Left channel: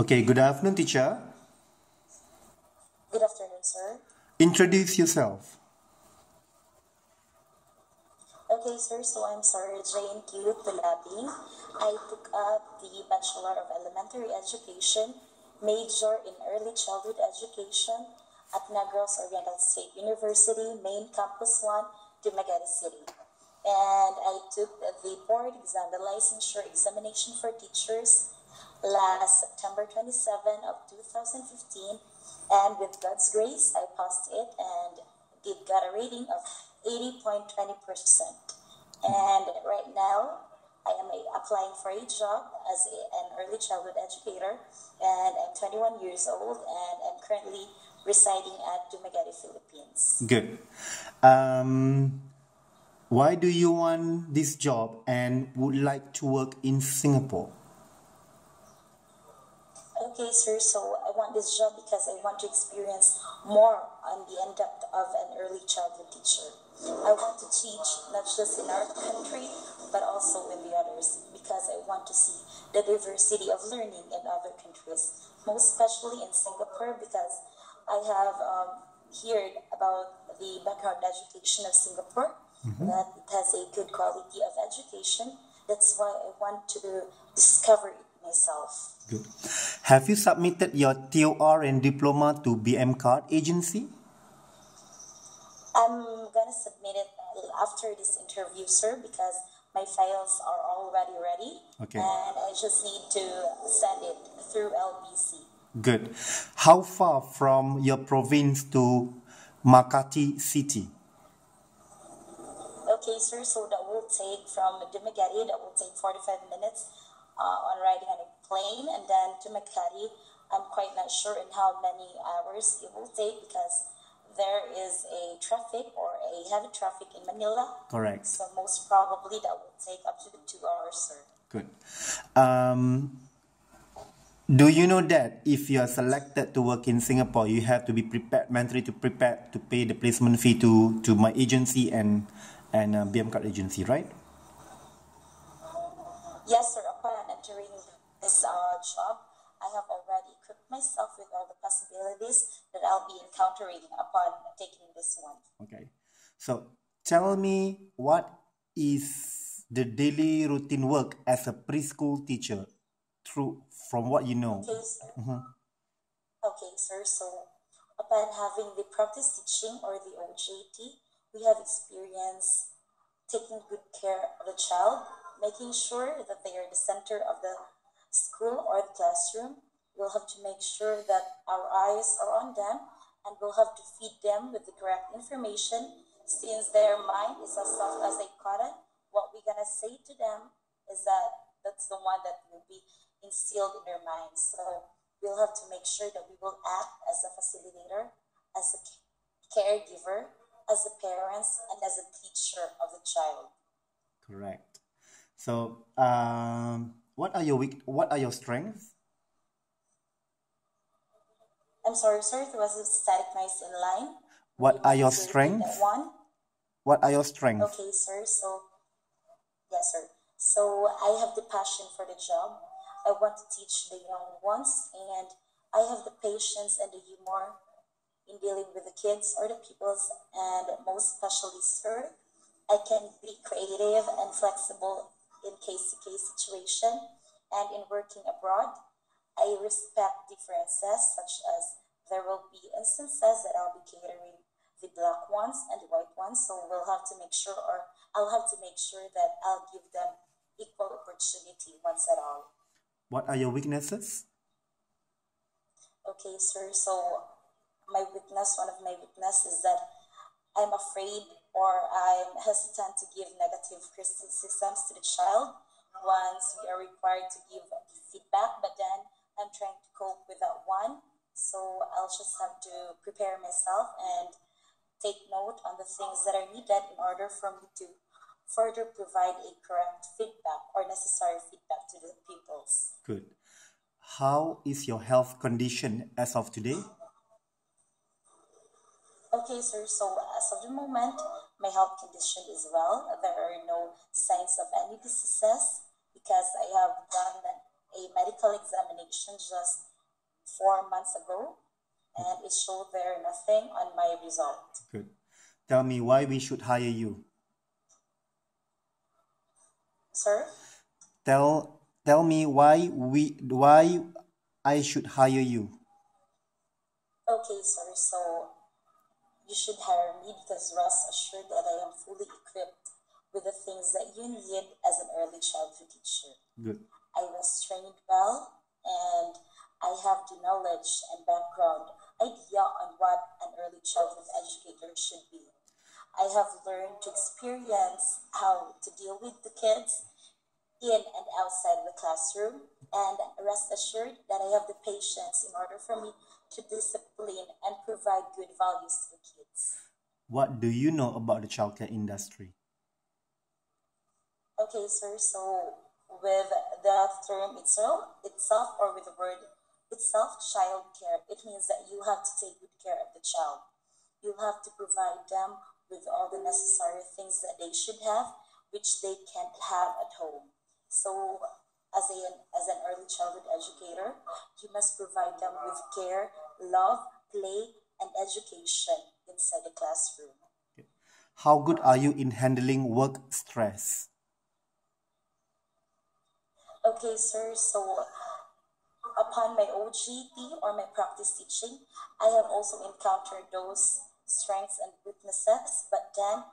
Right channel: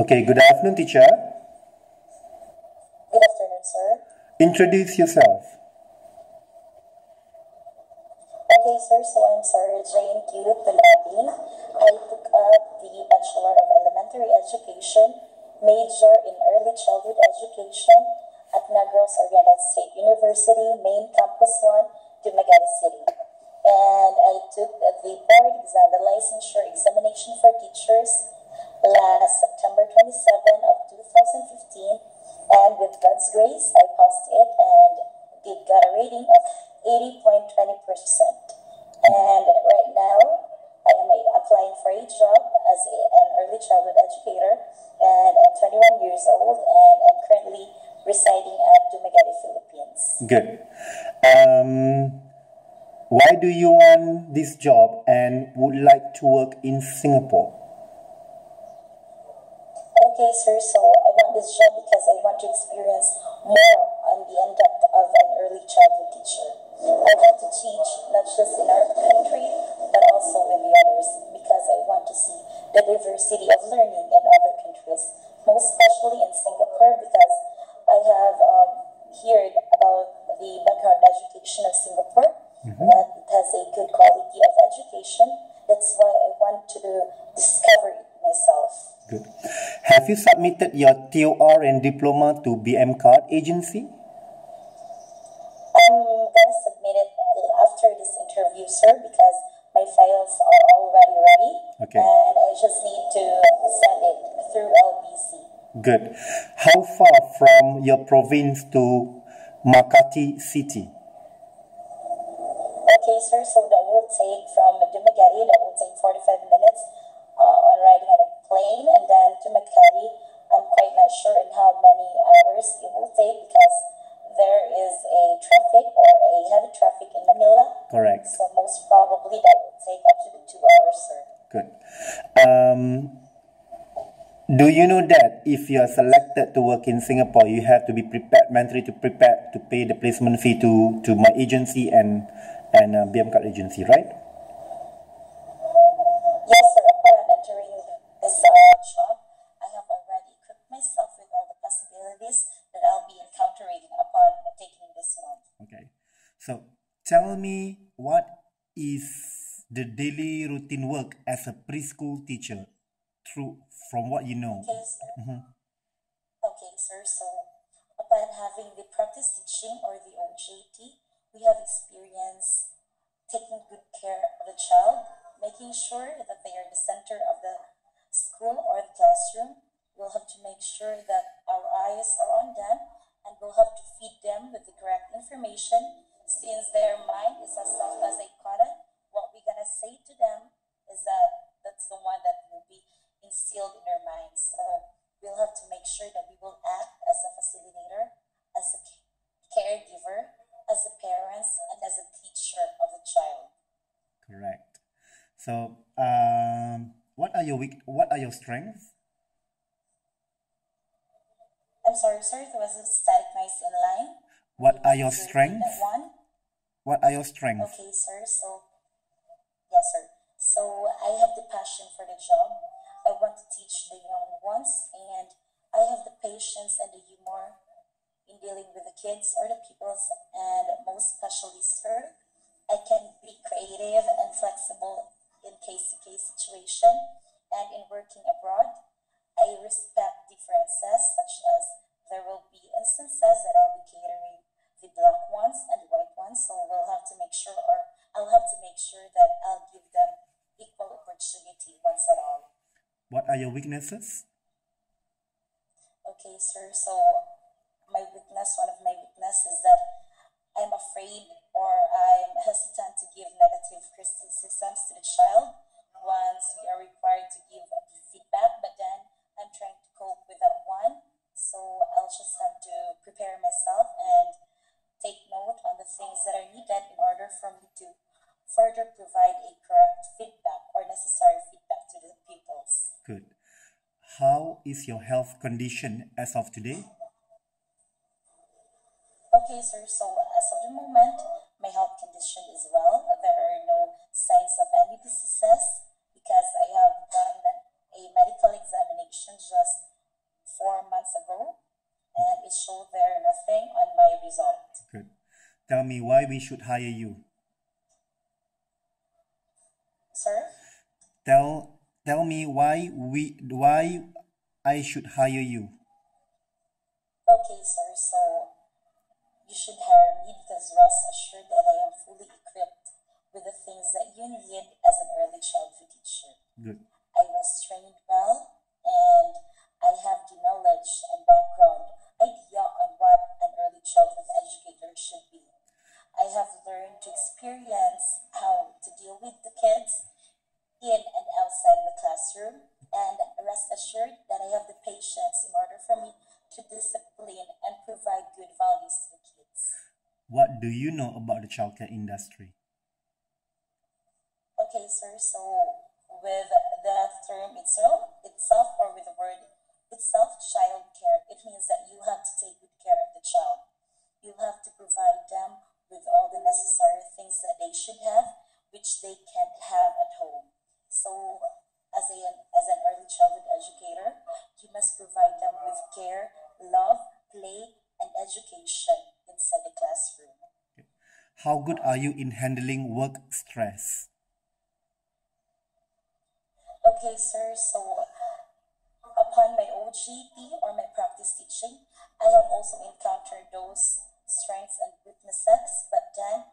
Okay, good afternoon, teacher. Good afternoon, sir. Introduce yourself. Okay, sir, so I'm Sarah Jane Q. Talubig. I took up the Bachelor of Elementary Education, major in Early Childhood Education at Negros Oriental State University, Main Campus 1, Dumaguete City. And I took the board exam, the licensure examination for teachers last September 27 of 2015, and with God's grace, I passed it and did got a rating of 80.20%. And right now, I am applying for a job as an early childhood educator, and I'm 21 years old, and I'm currently residing at Dumaguete, Philippines. Good. Why do you want this job and would like to work in Singapore? Okay, sir, so I want this job because I want to experience more on the in-depth of an early childhood teacher. I want to teach not just in our country, but also in the others, because I want to see the diversity of learning in other countries, most especially in Singapore, because I have heard about the background education of Singapore, that it has a good quality of education. That's why I want to discover it myself. Good. Have you submitted your TOR and diploma to BM Card agency? I'm gonna submit it after this interview, sir, because my files are already ready. Okay. And I just need to send it through LBC. Good. How far from your province to Makati City? Okay, sir, so that will take from Dumaguete, that will take 45 minutes on riding on a plane, and then to Makati, I'm quite not sure in how many hours it will take because there is a traffic or a heavy traffic in Manila. Correct. So most probably that will take up to 2 hours, sir. Good. Do you know that if you are selected to work in Singapore, you have to be prepared mentally to prepare to pay the placement fee to my agency and BM Card agency, right? Yes, sir. Upon entering this job, I have already equipped myself with all the possibilities that I'll be encountering upon taking this one. Okay. So tell me, what is the daily routine work as a preschool teacher from what you know? Okay, sir. Okay, sir. So upon having the practice teaching or the OJT, we have experience taking good care of the child, making sure that they are the center of the school or the classroom. We'll have to make sure that our eyes are on them, and we'll have to feed them with the correct information. Since their mind is as soft as a cotton, what we're gonna say to them is that's the one that will be instilled in their minds. So we'll have to make sure that we will act as a facilitator, as a caregiver, as a parents, and as a teacher of the child. Correct. So, what are your strengths? I'm sorry, sir, there was a static noise in line. What are your Please repeat strengths? that one. What are your strengths? Okay, sir. So, yes, sir. So I have the passion for the job. I want to teach the young ones, and I have the patience and the humor in dealing with the kids or the peoples, and most especially, sir, I can be creative and flexible in case-to-case situation, and in working abroad, I respect differences, such as there will be instances that I'll be catering the black ones and the white ones, so we'll have to make sure, or I'll have to make sure that I'll give them equal opportunity once at all. What are your weaknesses? Okay, sir, so one of my weakness is that I'm afraid or I'm hesitant to give negative criticisms to the child once we are required to give feedback, but then I'm trying to cope with that one. So I'll just have to prepare myself and take note on the things that are needed in order for me to further provide a correct feedback or necessary feedback to the pupils. Good. How is your health condition as of today? Okay, sir, so as of the moment, my health condition is well. There are no signs of any diseases because I have done a medical examination just 4 months ago, and it showed there nothing on my result. Good. Tell me why we should hire you. Sir? Tell me why I should hire you. Okay, sir. So you should hire me because rest assured that I am fully equipped with the things that you need as an early childhood teacher. Good. I was trained well, and I have the knowledge and background idea on what an early childhood educator should be. I have learned to experience how to deal with the kids in and outside the classroom, and rest assured that I have the patience in order for me to discipline and provide good values to the kids. What do you know about the childcare industry? Okay, sir. So with the term itself, or with the word itself, child care, it means that you have to take good care of the child. You have to provide them with all the necessary things that they should have, which they can't have at home. So as an early childhood educator, you must provide them with care, love, play, and education inside the classroom. How good are you in handling work stress? Okay, sir. So upon my OGT or my practice teaching, I have also encountered those strengths and weaknesses, but then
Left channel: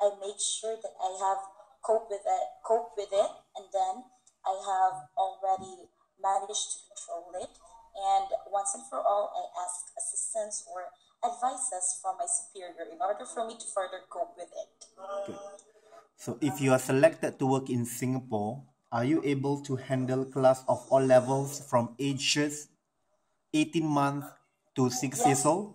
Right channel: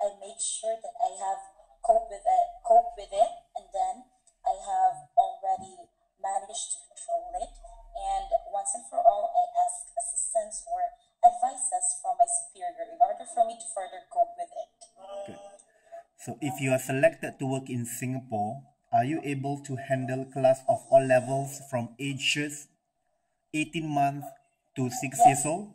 I make sure that I have cope with it, and then I have already managed to control it. And once and for all, I ask assistance or advices from my superior in order for me to further cope with it. Good. So if you are selected to work in Singapore, are you able to handle class of all levels from ages 18 months to 6 years old?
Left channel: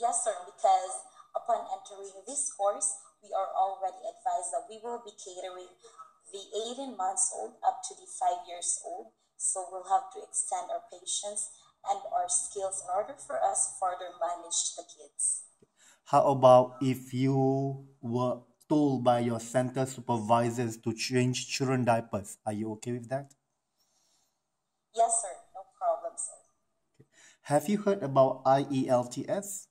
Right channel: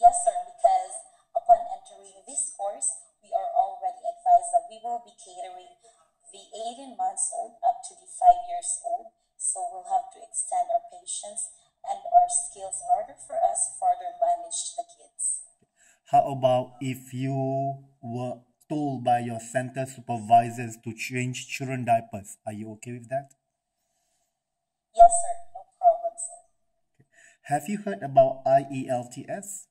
Yes, sir, because upon entering this course, we are already advised that we will be catering the 18 months old up to the 5 years old. So we'll have to extend our patience and our skills in order for us further manage the kids. How about if you were told by your center supervisors to change children diapers? Are you okay with that? Yes, sir. No problem, sir. Have you heard about IELTS?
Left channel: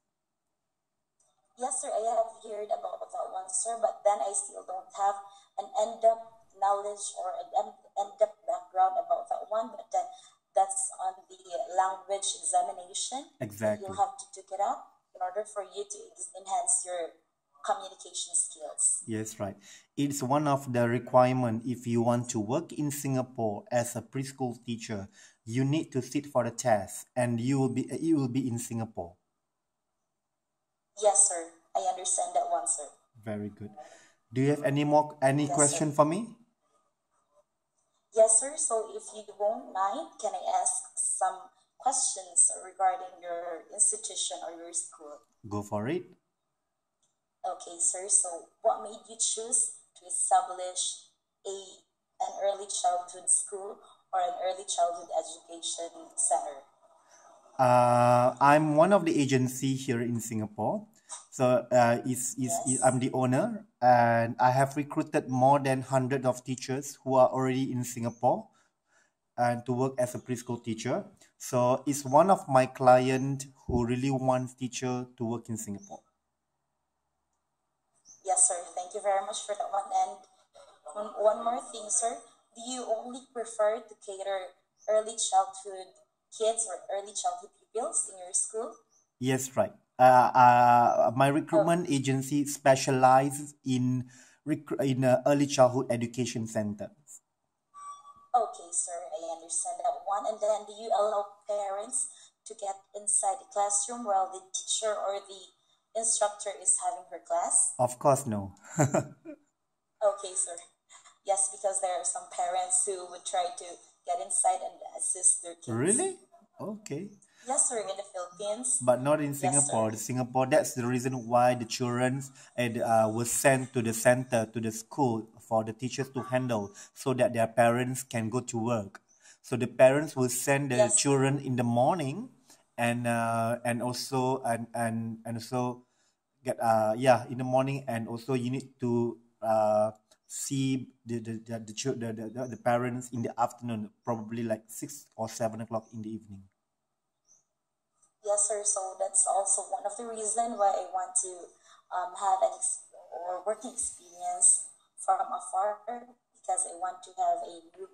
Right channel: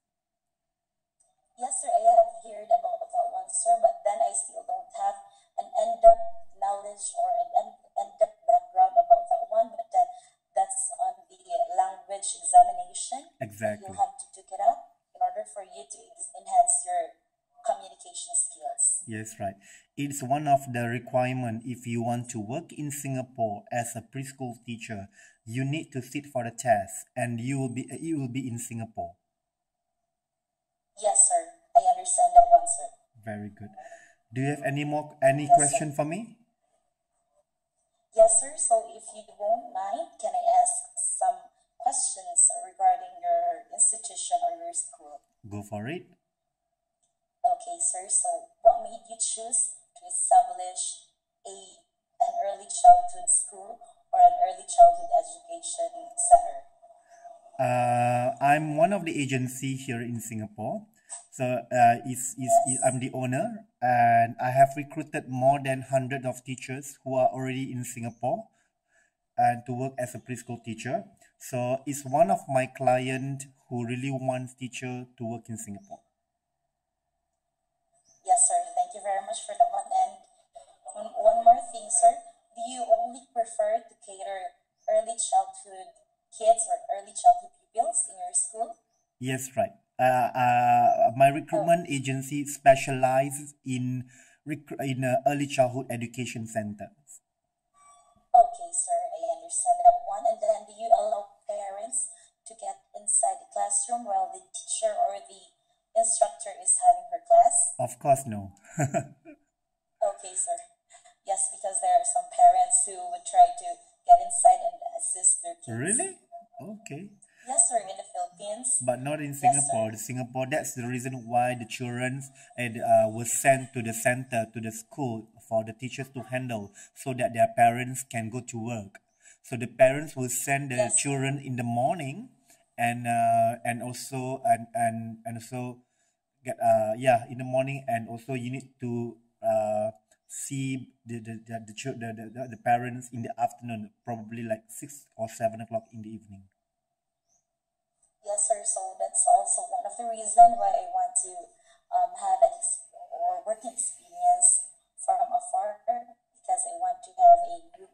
Yes, sir. I have heard about that one, sir, but then I still don't have an in-depth knowledge or an in-depth background about that one. But then that's on the language examination. Exactly. You'll have to take it up in order for you to enhance your communication skills. Yes, right. It's one of the requirement if you want to work in Singapore as a preschool teacher. You need to sit for the test, and you will be in Singapore. Yes, sir. I understand that one, sir. Very good. Do you have any Yes, question sir. for me? Yes, sir. So if you won't mind, can I ask some questions regarding your institution or your school? Go for it. Okay, sir. So what made you choose to establish an early childhood school or an early childhood education center? I'm one of the agency here in Singapore. So Yes. I'm the owner, and I have recruited more than 100 of teachers who are already in Singapore and to work as a preschool teacher. So it's one of my client who really wants teacher to work in Singapore. Yes, sir. Thank you very much for that one. And one more thing, sir. Do you only prefer to cater early childhood kids or early childhood pupils in your school? Yes, right. My recruitment agency specializes in early childhood education centers. Okay, sir. I understand that one. And then do you allow parents to get inside the classroom while the teacher or the instructor is having her class? Of course, no. Okay, sir. Yes, because there are some parents who would try to get inside and assist their kids. Really? Okay. Yes, sir, in the Philippines. But not in Yes, Singapore. sir. Singapore, that's the reason why the children was sent to the center, to the school for the teachers to handle so that their parents can go to work. So the parents will send the Yes, sir. children in the morning and also get in the morning, and also you need to see the parents in the afternoon, probably like 6 or 7 o'clock in the evening. Yes, sir. So that's also one of the reasons why I want to have or working experience from afar, because I want to have a new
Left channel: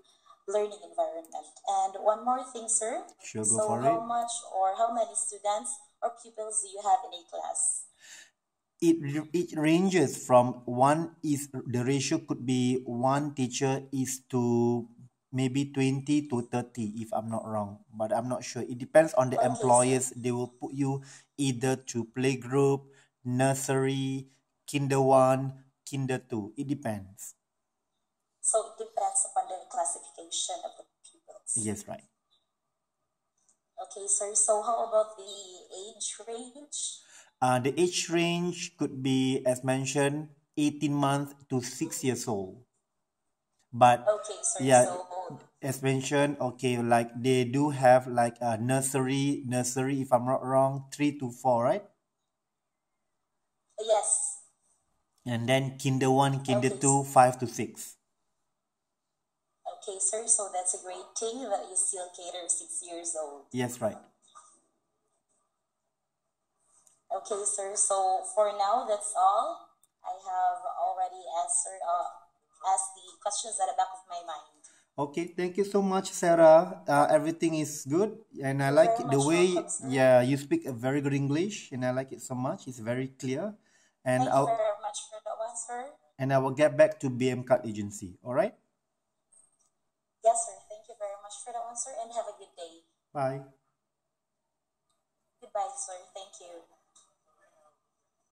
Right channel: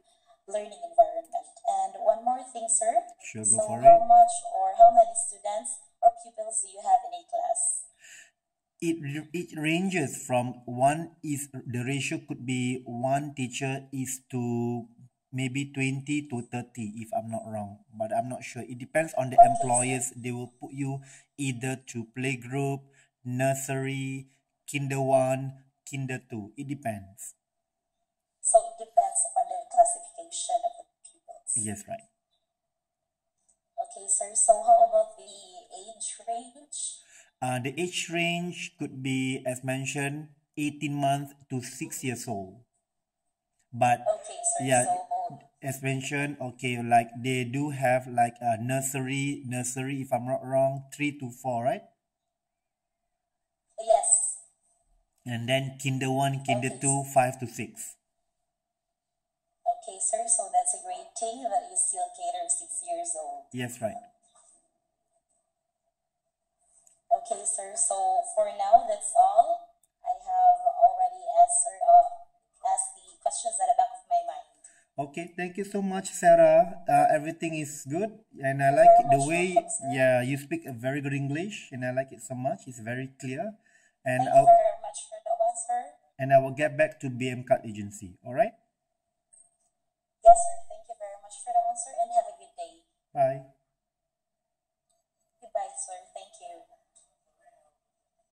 learning environment. And one more thing, sir. Sure, go So for it. how much or how many students or pupils do you have in a class? It ranges from the ratio could be one teacher is to maybe 20 to 30, if I'm not wrong, but I'm not sure. It depends on the Okay, sir. employers. They will put you either to playgroup, nursery, kinder 1, kinder 2. It depends. So it depends upon the classification of the pupils. Yes, right. Okay, sir. So how about the age range? The age range could be, as mentioned, 18 months to 6 years old. But Okay, sir. yeah, So as mentioned, okay, like they do have like a nursery, if I'm not wrong, 3 to 4, right? yes. And then kinder 1, kinder Okay. 2, 5 to 6. Okay, sir. So that's a great thing that you still cater 6 years old. Yes, right. Okay, sir. So for now, that's all. I have already asked the questions at the back of my mind. Okay, thank you so much, Sarah. Everything is good, and I You're like very the much way, welcome, sir. yeah, you speak a very good English, and I like it so much. It's very clear, and Thank you I'll very much for that one, sir. and I will get back to BM Card Agency. All right. Yes, sir. Thank you very much for that one, sir, and have a good day. Bye.